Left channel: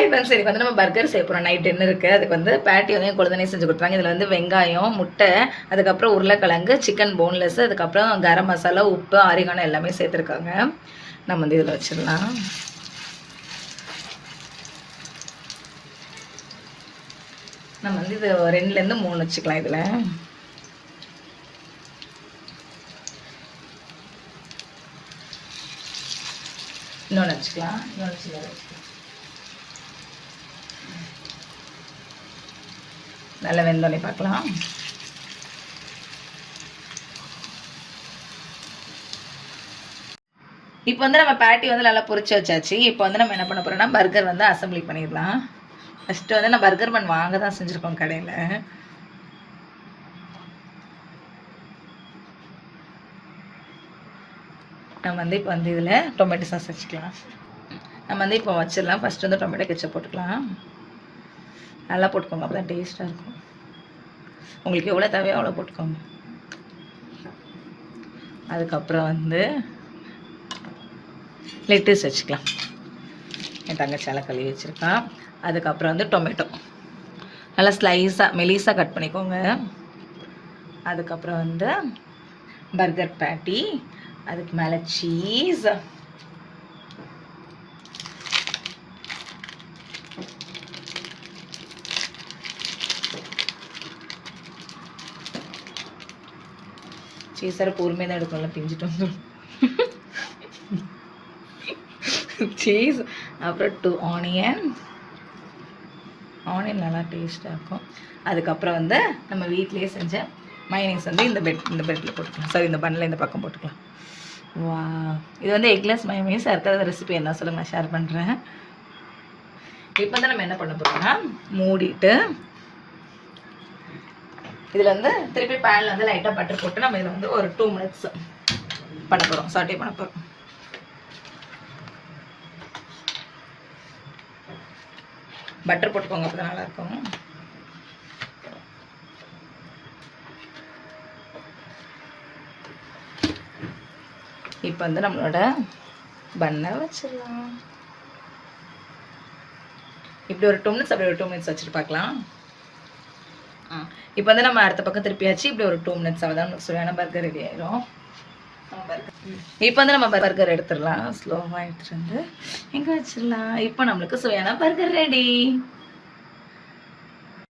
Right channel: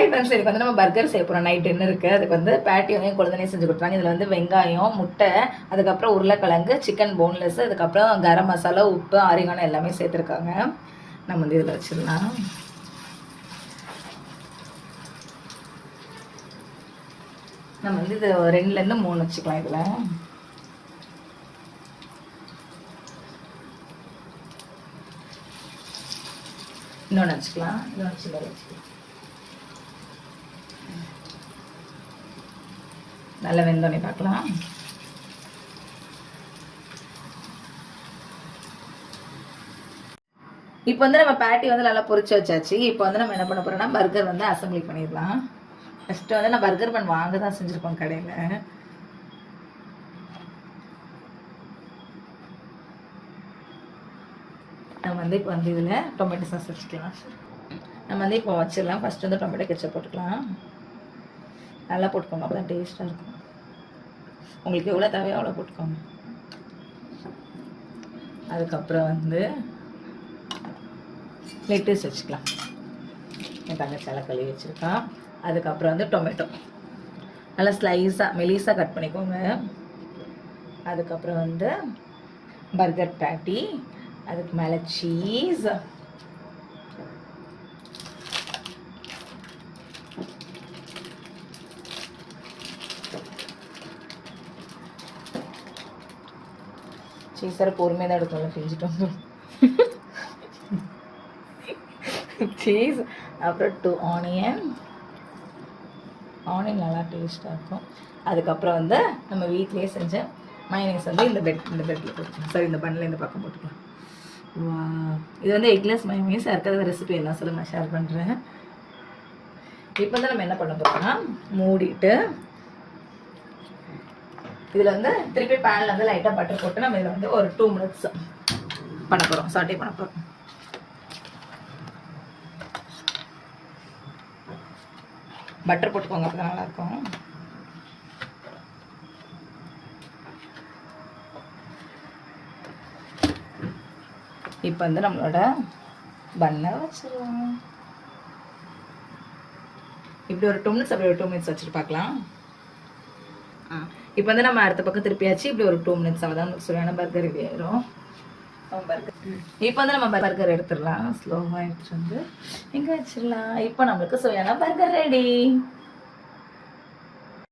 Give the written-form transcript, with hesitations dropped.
Hi friends, இதுக்கு வந்து நம்ம பர்கர் செய்ய போகிறோம். நைட் டின்னருக்கு அதுக்கு வந்து பேட்டி வந்து என் குழந்தைனே செஞ்சு கொடுத்தாங்க. இதில் வந்து வெங்காயம், முட்டை, அதுக்கப்புறம் உருளைக்கிழங்கு, சிக்கன் போன்லெஸ், அதுக்கப்புறம் கரம் மசாலா, உப்பு, ஆரிகானோ எல்லாமே சேர்த்துருக்காங்க. நம்ம வந்து இதில் வச்சிடலாம். நம்ம வந்து இது 2லேருந்து 3 வச்சுக்கலாம். இதில் இன்னொன்று வச்சுக்கலாம். இன்னொன்று சில்லறை வச்சுக்கலாம். நல்லா வெந்தோடனே பார்க்கலாம். இப்போ வந்து நம்ம பேட்டி வந்து நல்லா பொரிச்சு வச்சாச்சு. இப்போ வந்து நம்ம என்ன பண்ண போறோம்னா பர்கர் வந்து அசம்பிளி பண்ணிடலாம். ஃபர்ஸ்ட் வந்து நான் பர்கர் பன் வாங்க தான் செஞ்சுருக்கோம் கடையில். நம்ம வந்து இப்போ வந்து இதில் டொமேட்டோ சாஸ் வச்சுக்கலாம். நம்ம வந்து இப்போ வச்சிடலாம். ஃபர்ஸ்ட் வந்து டொமேட்டோ கெச்சப் போட்டுக்கலாம். நல்லா போட்டுக்கோங்க, அப்போ தான் டேஸ்ட்டாக இருக்கும். உங்களுக்கு எவ்வளோ தேவையோ அவ்வளோ போட்டுக்கோங்க. அதுக்கப்புறம் வந்து லெட்டஸ் வச்சுக்கலாம். என் தங்கச்சால கழுவி வச்சுருக்கான். அதுக்கப்புறம் வந்து டொமேட்டோ நல்லா ஸ்லைஸாக மெலிஸாக கட் பண்ணிக்கோங்க. அதுக்கப்புறம் வந்து பர்கர் பேட்டி, அதுக்கு மேலே சீஸ், சீஸரை பொறுமையாக தான் எடுக்கணும்ல, பிஞ்சிட்டு வந்துடும். சீஸ், அப்புறம் 2 ஆனியன் நல்லா டேஸ்ட்டாக இருக்கும். அதுக்கப்புறம் வந்து நம்ம வீட்டிலேயே செஞ்ச மைனீஸ் வந்து இந்த பெட்டில் போட்டுக்கலாம். சாரி, இந்த பன்னில் இந்த பக்கம் போட்டுக்கலாம். வா, இது வந்து எக்லெஸ் மைனீஸ். யாருக்காவது ரெசிபி என்ன சொல்லுங்க, நான் ஷேர் பண்ணுறேன். இப்போ வந்து நம்ம என்ன பண்ண போகிறோம்னா மூடிட்டு இதில் வந்து திருப்பி பேனில் வந்து லைட்டாக பட்டர் போட்டு நம்ம இதில் வந்து ஒரு 2 மினிட்ஸ் பண்ண போகிறோம், சாட்டே பண்ண போகிறோம். பட்டர் போட்டுக்கோங்க, அப்போ தான் நல்லாயிருக்கும். இப்போ வந்து நம்மளோட பன்னை வச்சிடலாம். இப்படி ஒரு 2 மினிட்ஸ், அப்படி ஒரு 2 மினிட்ஸ் வச்சுட்டு பார்க்கலாம். இப்போ வந்து நம்ம அடுத்த பக்கம் திருப்பியாச்சு. இப்படி ஒரு 2 மினிட்ஸ் ஆகுதான் சுவையான பர்கர் ரெடி ஆயிரும். இப்போ வந்து நம்ம பர்கர் எடுத்துடலாம். ஸ்லோவாக எடுத்துட்டு வந்து இங்கே வச்சிடலாம். இப்போ நம்மளுக்கு சுவையான பர்கர் ரெடி.